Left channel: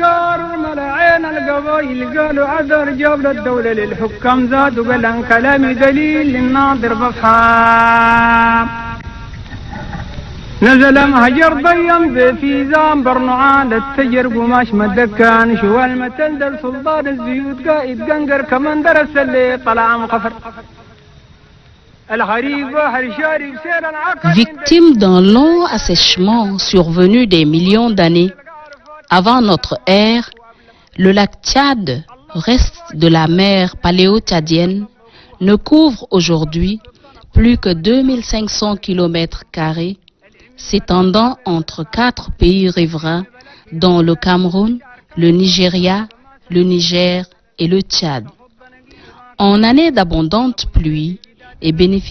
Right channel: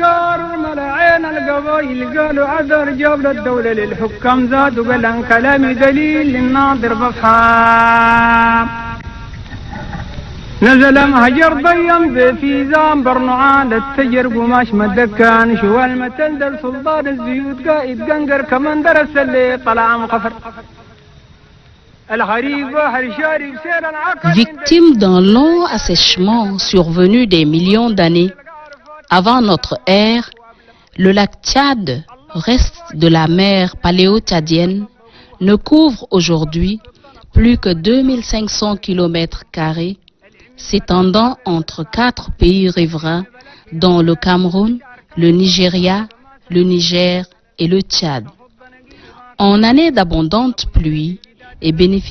الافكار ملاعين القبائل قالوا عذر جاب للدوله للحكام زاد وقال عن كلامي دليل للناظر بفحام نزل مهجر ضيم في زام برنعان التجر قماش مدكان شو المتل سلطان الزيوت قائد قنقر كمان درس اللي طلع مقفر الغريب واحد شارب سير العقل عند الرجال اللي كنفل الله العم بلا صغر بلا فاعل العم بلا كرام كراتب بلا شعر كاير العتب ما سلم التفض نقي ما تدخل ابو اندرك الجداد الراجب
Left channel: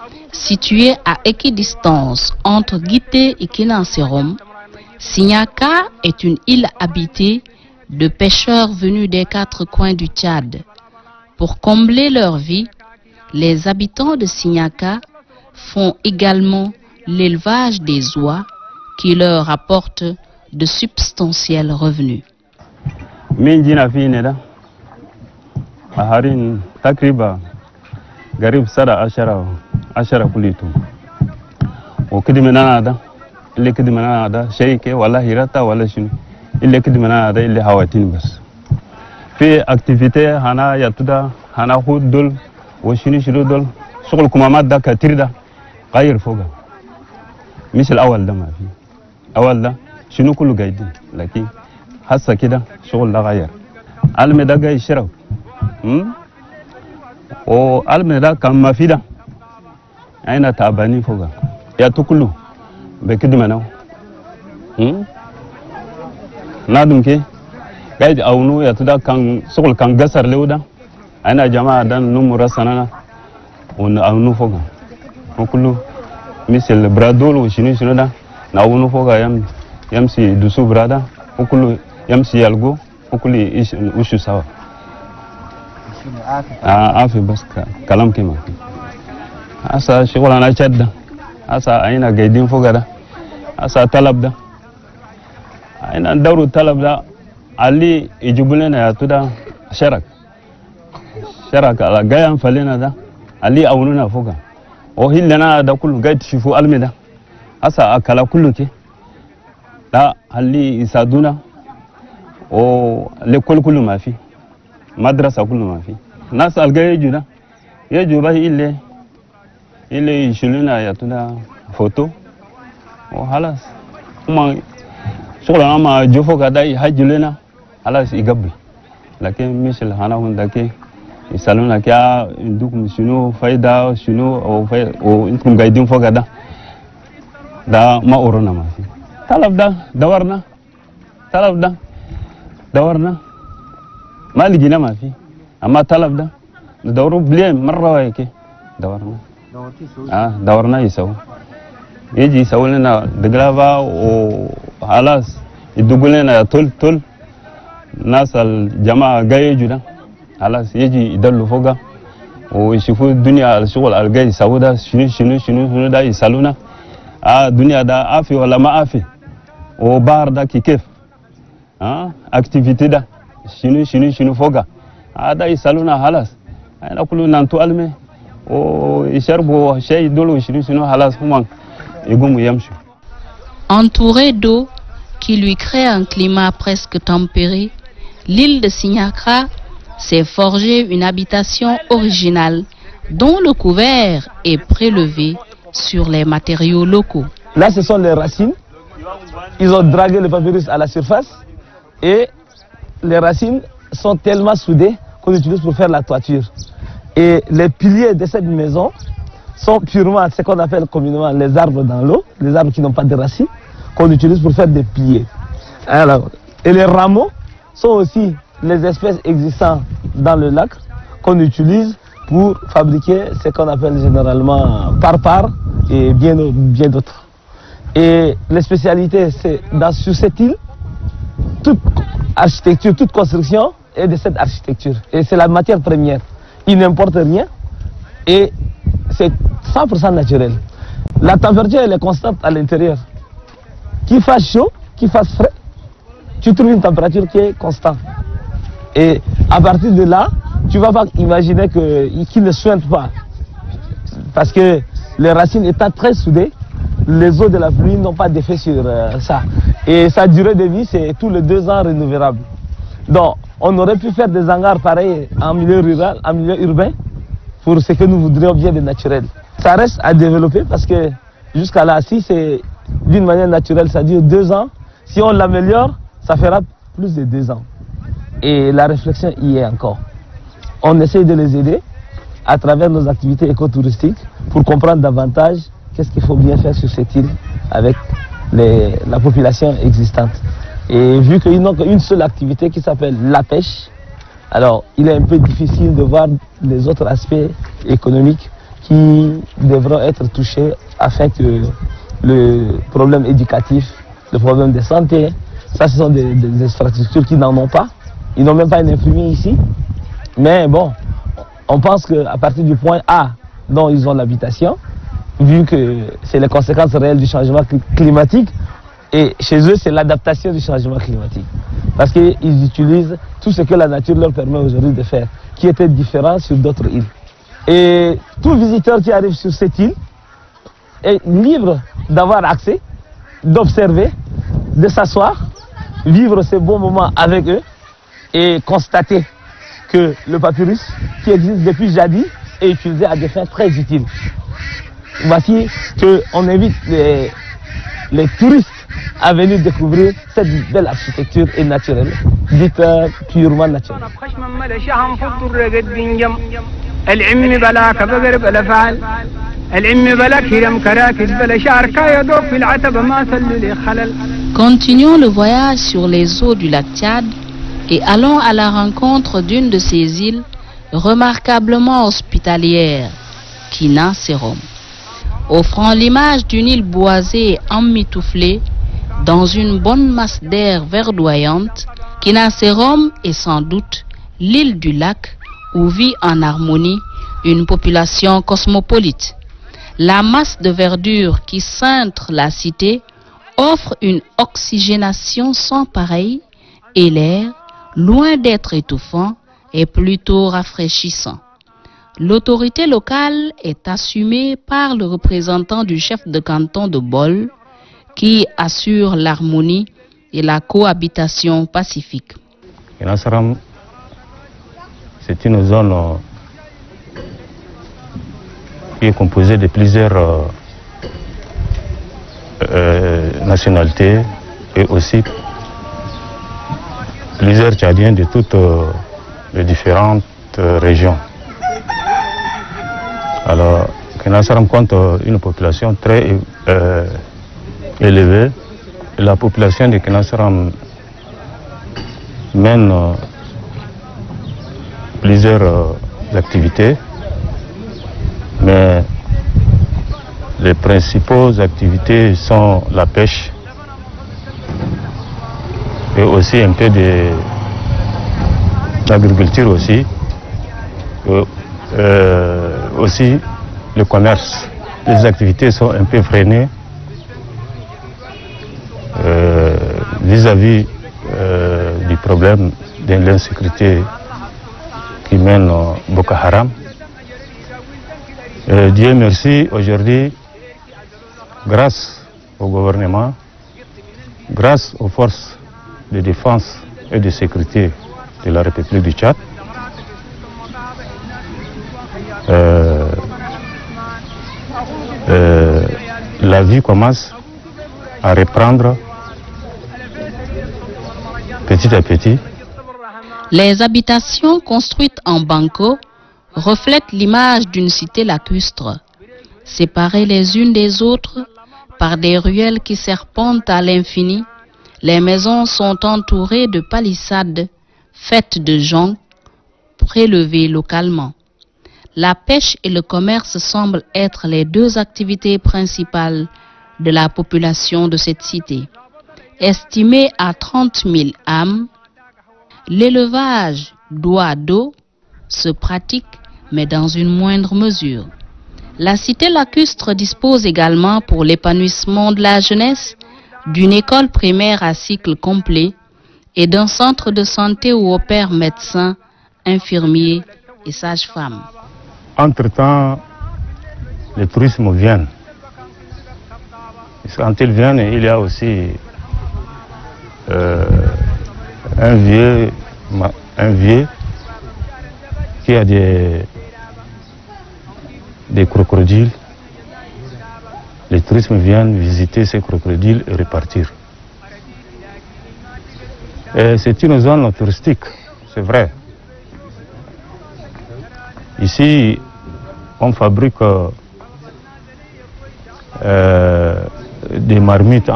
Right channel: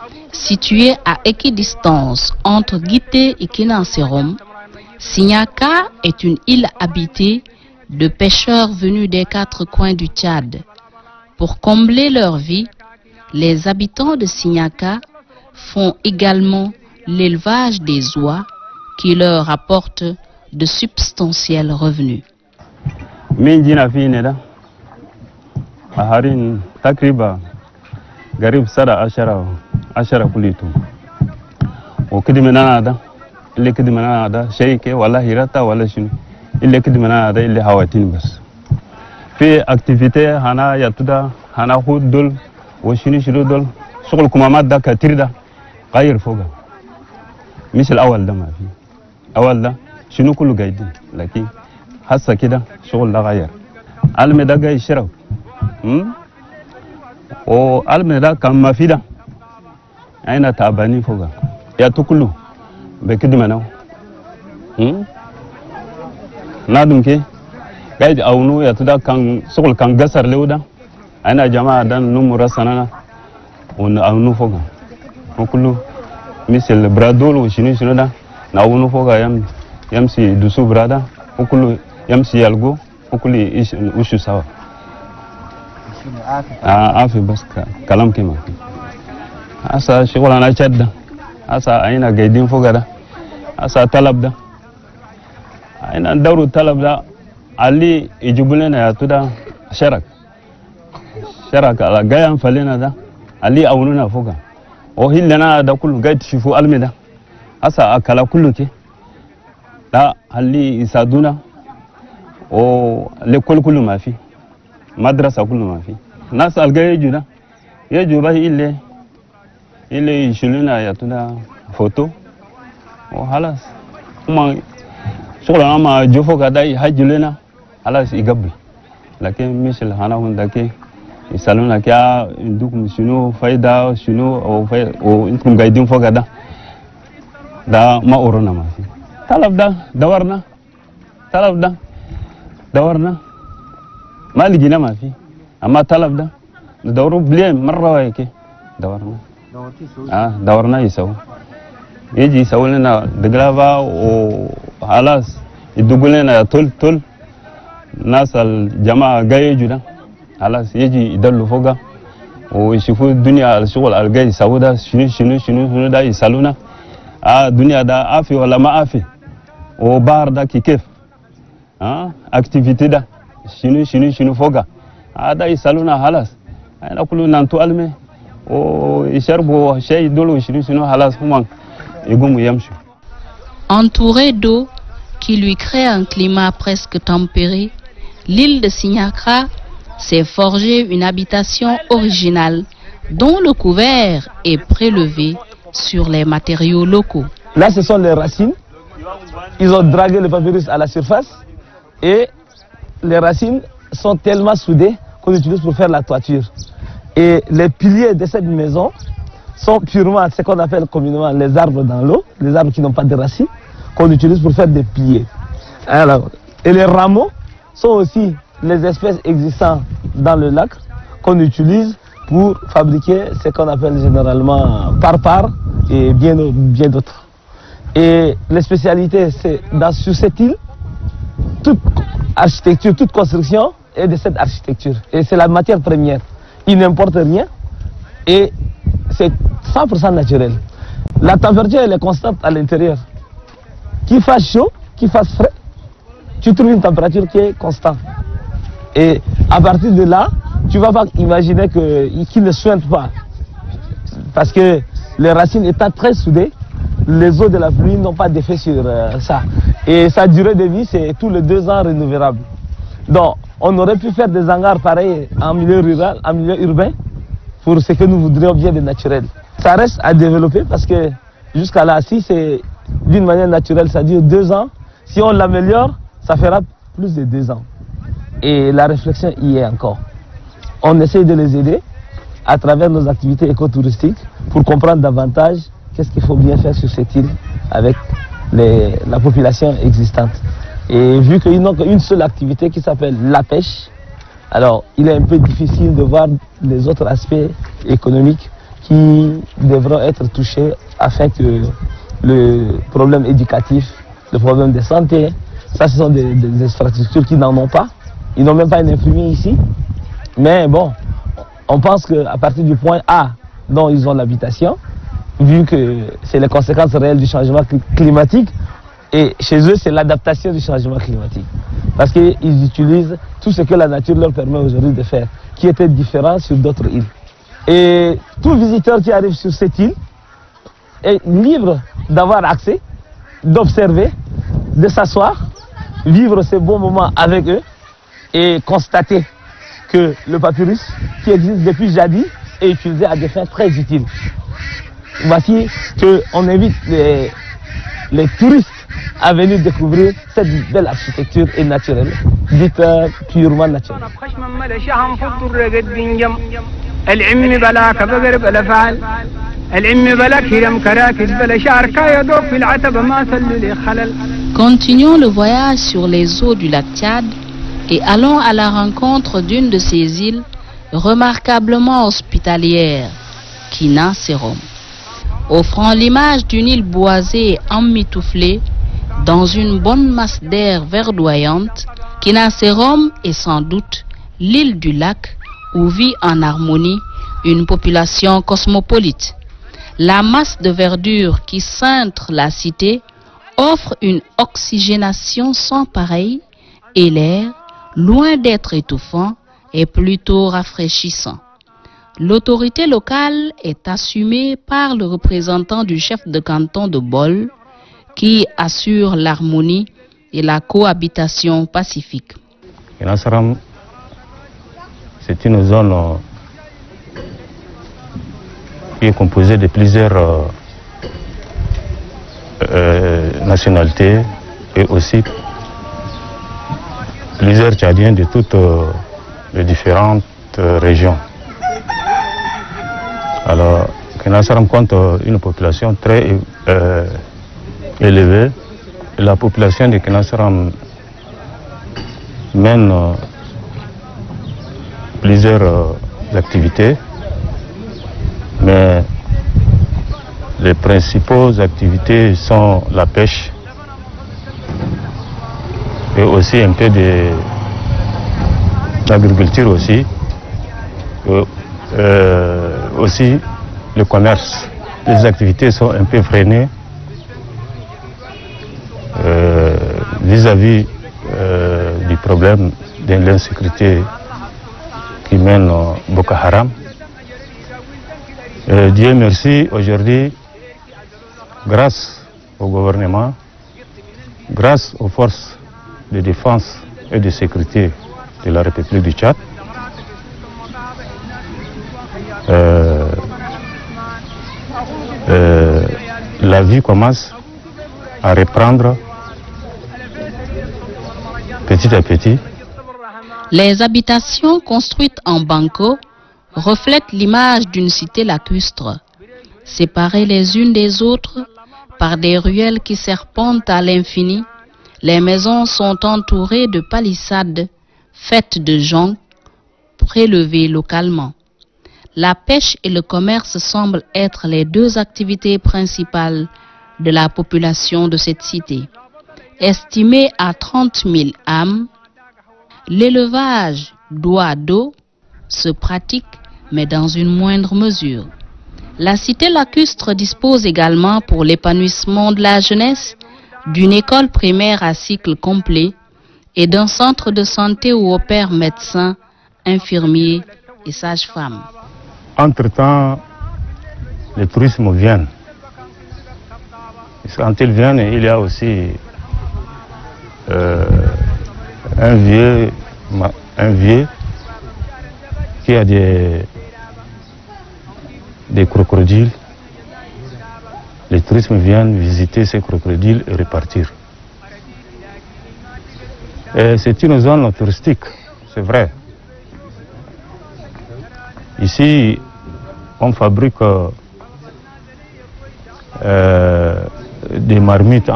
أبوك بابولا شرك للديوان ألفيت إيدك تلضم المرجان تمرأ النجيد نجيد صبر الرحمن تمرأ النجيد سنة من الرجعان ملا ما تمنقو الحج بلا بلاي بليك عند ذكاكنا ظل ما بزيد عند الله سرقب لن صربت لأحلل الجدريان مين جينا فينا ده أهارين تقريبا قريب 10 كليتهم وكده من هذا اللي كده من هذا شيء ولا هيرتا ولا شنو اللي كده من هذا اللي هواتين بس في اكتيفيتي هنا يتدا هنا خود دول وشنو دول شغل كمامات ده كتير ده غير فوقه مش الاول ده ما في اول ده شنو كله قايدين لكن هسه كده شغل ده غير علم ده جاي يشرب وعلم ده كان ما في ده أين تعبانين فوقها يا تكلوا بكده منو نادم كي قاعد أونو يا تدا كان شغل كان قصر له ده أنا جماعة ده نمر سنة ونأونو فوقها وكله مثل برادول وشنو ده نأونو فوقها يمشي دوسو برادا وكله يمشي يلقو وكله وشو سوا عافي بس كلام كما asa شغل أنا شدة asa أين قاعدين فوق ده asa طلب ده أين ندور الطلب ده اللي يجيب لنا يا تودا شرك على جايان فلنا ده اللي أولنا فوقه وهي لنا ده كله قاعد تشوفوا ألمي ده asa أكلا كله كي لا اللي يساعدونا ولكل كله ما في مدرسة كله ما في ناس الجاي يجوا ده يجوا به إلا اللي يشيلونا يعطونا فوتو وخلاص هم شغلنا ما جوفو كذا يحجلنا خلاص يقبل لكن مش الهنا هندك يسألونا كيا عندكم شنو فايدة شنو أو أنتم قاعدين فوق هذا ده ما أورونا ما في طلب ده دورنا طلب ده دورنا ما لقينا ما في أما طلب ده ندوروا بلين مرة هيك دورنا دورنا يسوي يجي يسوي لنا دقلابة وخلاص يدقوا لنا تل ناس الجماعة جاي يجوا خلاص يجي يدلوا فوقها ويشوفوا الدنيا الشغل الجاي يسوي ده شنو ده يسألونا الدنيا ده عافي ولا ما عافي وبار ده كيف اكتيفيتي ده شنو فوقها هذا يسألونا خلاص احنا كلنا نتعلم ويشربوا شيء يدلوا شنو خلاص هم يقوموا يمشوا. Là, ce sont les racines. Ils ont dragué le papyrus à la surface et les racines sont tellement soudées qu'on utilise pour faire la toiture. Et les piliers de cette maison sont purement ce qu'on appelle communément les arbres dans l'eau, les arbres qui n'ont pas de racines, qu'on utilise pour faire des piliers. Alors, et les rameaux sont aussi les espèces existantes dans le lac qu'on utilise pour fabriquer ce qu'on appelle généralement par et bien d'autres. Et les spécialités, c'est sur cette île, toute architecture, toute construction est de cette architecture. Et c'est la matière première. Il n'importe rien et c'est 100% naturel. La température, elle est constante à l'intérieur. Qu'il fasse chaud, qu'il fasse frais, tu trouves une température qui est constante. Et à partir de là, tu ne vas pas imaginer qu'il ne soigne pas. Parce que les racines étant très soudées, les eaux de la pluie n'ont pas d'effet sur ça. Et sa durée de vie, c'est tous les 2 ans renouvelable. Donc, on aurait pu faire des hangars pareils en milieu rural, en milieu urbain, pour ce que nous voudrions bien de naturel. Ça reste à développer parce que jusqu'à là, si c'est d'une manière naturelle, ça dure 2 ans. Si on l'améliore, ça fera plus de 2 ans. Et la réflexion y est encore. On essaie de les aider à travers nos activités écotouristiques pour comprendre davantage qu'est-ce qu'il faut bien faire sur cette île avec la population existante. Et vu qu'ils n'ont qu'une seule activité qui s'appelle la pêche, alors il est un peu difficile de voir les autres aspects économiques qui devront être touchés afin que le problème éducatif, le problème de santé, ça ce sont des infrastructures qui n'en ont pas. Ils n'ont même pas une infirmier ici. Mais bon, on pense qu'à partir du point A dont ils ont l'habitation, vu que c'est les conséquences réelles du changement climatique, et chez eux c'est l'adaptation du changement climatique. Parce qu'ils utilisent tout ce que la nature leur permet aujourd'hui de faire, qui était différent sur d'autres îles. Et tout visiteur qui arrive sur cette île est libre d'avoir accès, d'observer, de s'asseoir, vivre ces bons moments avec eux et constater que le papyrus qui existe depuis jadis est utilisé à des fins très utiles. Voici qu'on invite les touristes à venir découvrir cette belle architecture et naturelle, dite purement naturelle. Nasram, c'est une zone qui est composé de plusieurs nationalités et aussi plusieurs Tchadiens de toutes les différentes régions. Alors, Kinasaram compte une population très élevée. Et la population de Kinasaram mène plusieurs activités, mais les principales activités sont la pêche et aussi un peu de l'agriculture aussi, aussi le commerce. Les activités sont un peu freinées vis-à-vis du problème de l'insécurité qui mène Boko Haram. Dieu merci, aujourd'hui, grâce au gouvernement, grâce aux forces de défense et de sécurité de la République du Tchad, la vie commence à reprendre petit à petit. Entre-temps, les touristes viennent. Quand ils viennent, il y a aussi un vieux qui a des crocodiles. Les touristes viennent visiter ces crocodiles et repartir. C'est une zone touristique, c'est vrai. Ici, on fabrique des marmites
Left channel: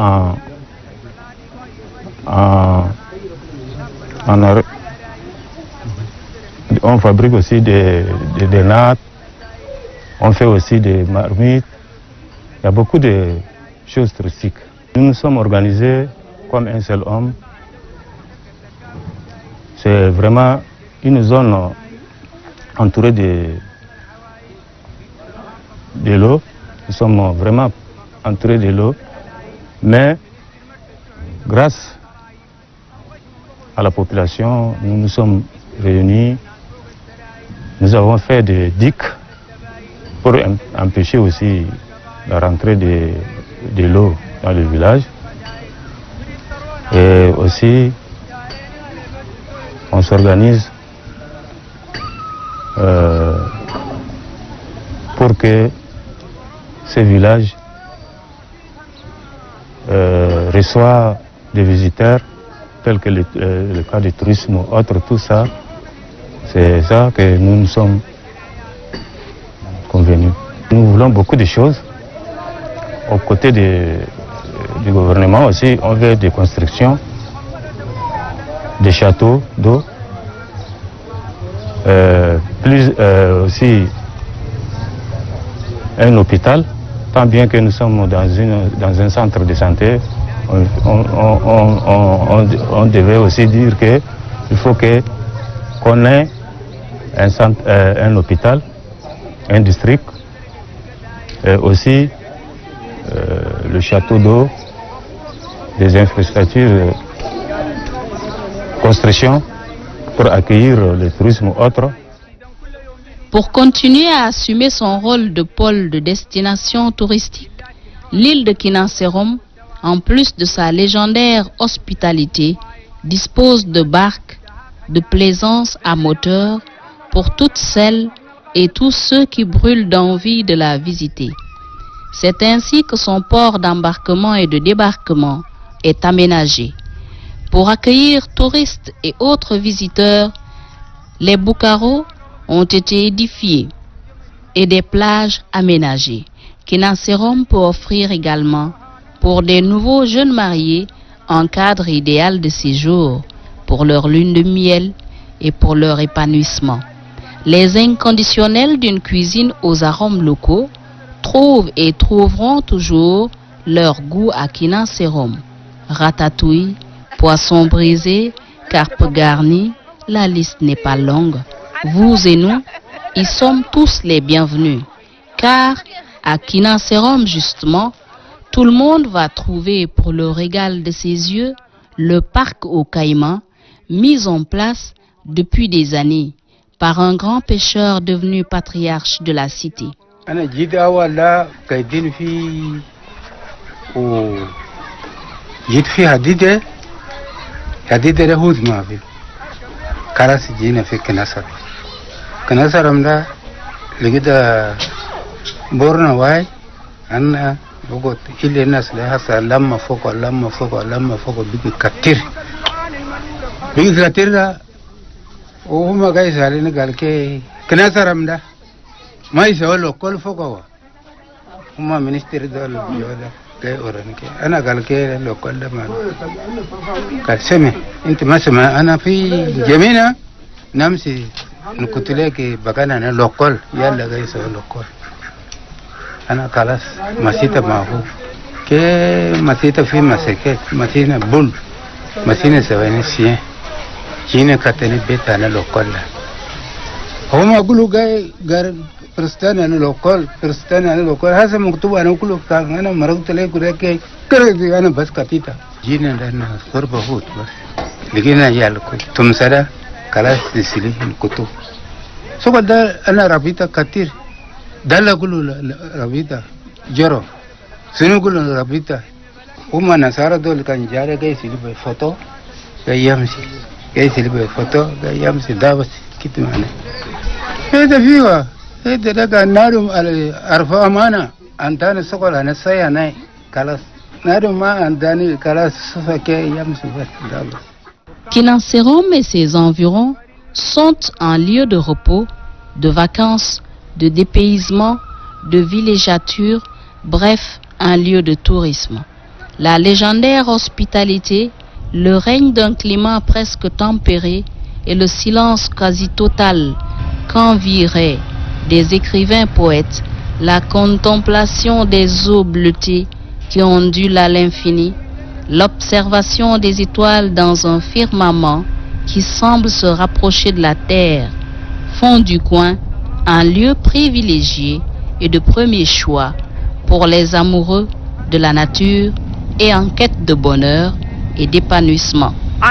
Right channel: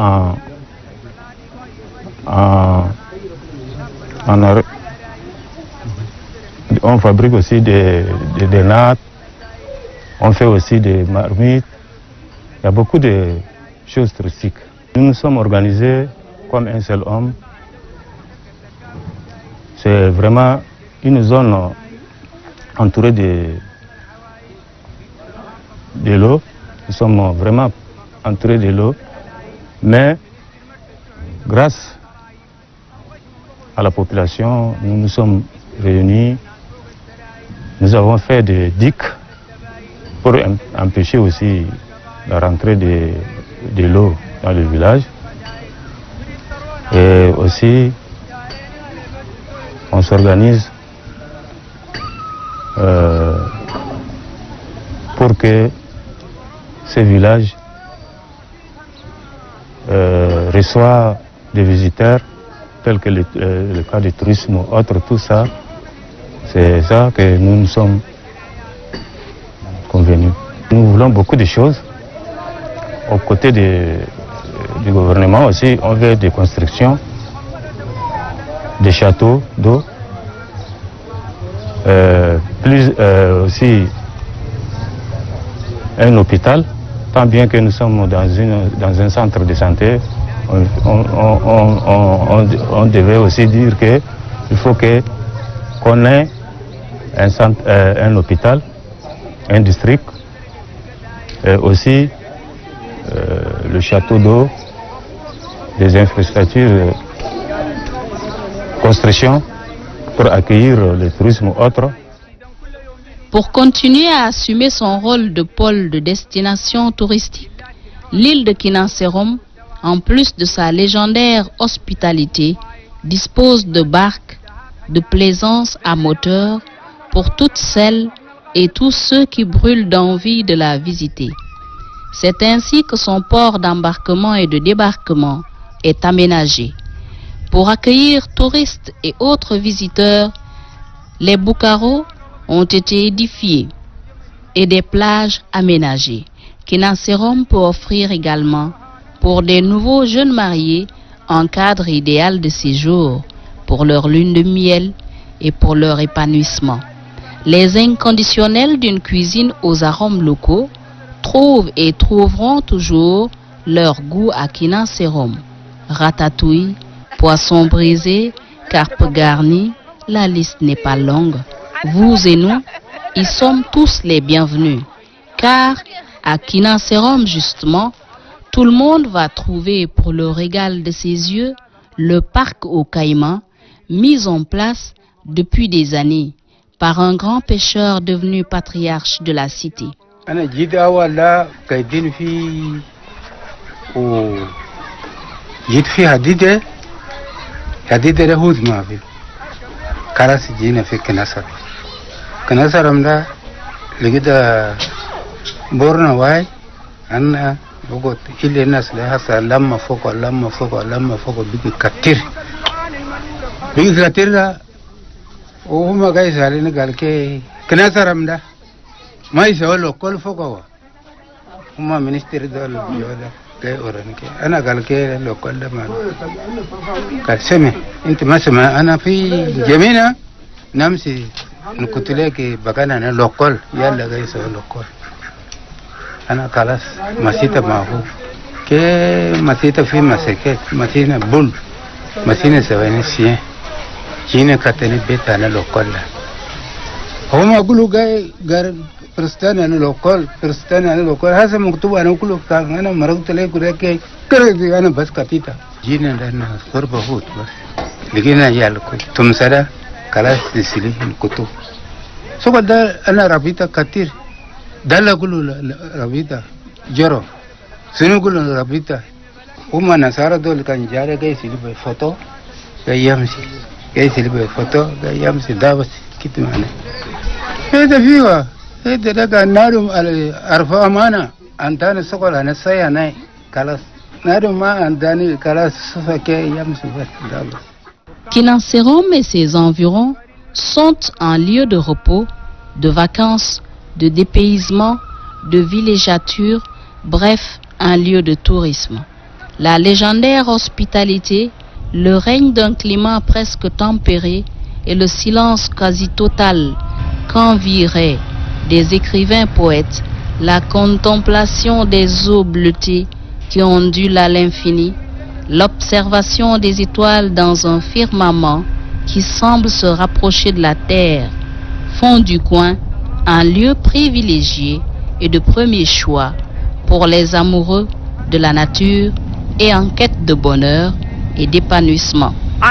on fabrique aussi des nattes, on fait aussi des marmites. Il y a beaucoup de choses touristiques. Nous nous sommes organisés comme un seul homme. C'est vraiment une zone entourée de l'eau. Nous sommes vraiment entourés de l'eau. Mais grâce à la population, nous nous sommes réunis. Nous avons fait des digues pour empêcher aussi la rentrée de l'eau dans le village. Et aussi, on s'organise pour que ces villages reçoivent des visiteurs tels que le cas du tourisme ou autre, tout ça. C'est ça que nous nous sommes convenus. Nous voulons beaucoup de choses. Aux côtés du gouvernement aussi, on veut des constructions, des châteaux d'eau, aussi un hôpital, tant bien que nous sommes dans un centre de santé. On devait aussi dire qu'il faut qu'on ait un hôpital, un district, et aussi le château d'eau, des infrastructures, construction pour accueillir le tourisme ou autre. أنا جيت أول قايدين في وجيت في حديدة ده هود ما في خلاص جينا في كناسر مدا لقيت بورنا واي أنا بقول إلى الناس لها لما فوق بيجي كتير ده وهم جاي سالين قال كي كناسر مدا ما يسوي كل فوق هو هم منستر دول جودا كي أورانك أنا قال كي لو كل ما قال سمع أنت ما سمع أنا في جميلة نمسي نقتلك بكنا أنا لوكل يلا جاي سوي لوكل أنا خلاص مسيت معه كي مسيت في مسكت مسينا بول مسينا سوينا شيء جينا كتني بيت أنا لوكل هم يقولوا جاي برستان أنا لوكال هذا مكتوب أنا كله كان أنا مرقت لي كده كده أنا بس كتيتا جينا لنا صربة هود بس لقينا يالكو ثم سدا خلاص تسلي الكتب سو ده أنا ربيتا كتير ده لا كله ربيتا جرو سنو كله ربيتا هم نصارى دول كان جاري جاي يسلي بفوتو جاي يسلي بفوتو جاي يمشي ده بس كده معنا هذا فيها هذا ده نادم أرفع مانا أنتاني سقول أنا سيا ناي خلاص نادم ما أنتاني خلاص سفكي يمشي بس دابا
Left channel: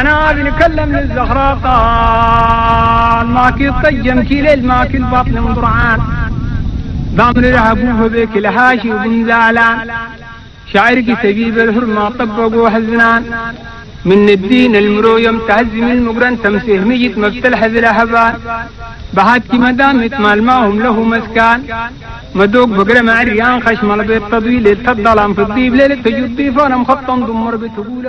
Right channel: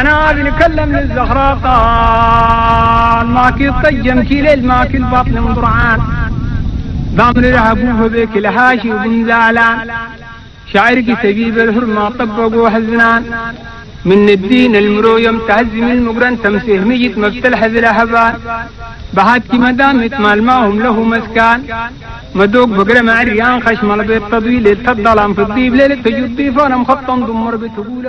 أنا بنكلم للزهراء قال ماكي الطيم كيل ماكي البطن مضرعان ضامن العبوه بك الهاشي وبن زعلان شاعرك سبيب الحرمة طبقوا حزنان من الدين المرو يمتهز من المقرن تمسيه ميت مفتلح ذي الأحبان بهاتك مدام يتمال معهم له مسكان مدوق بقرة مع الريان خشم البيت تضويل الظلام في الضيب ليلة تجد ضيفان مخطن ضمر بتقول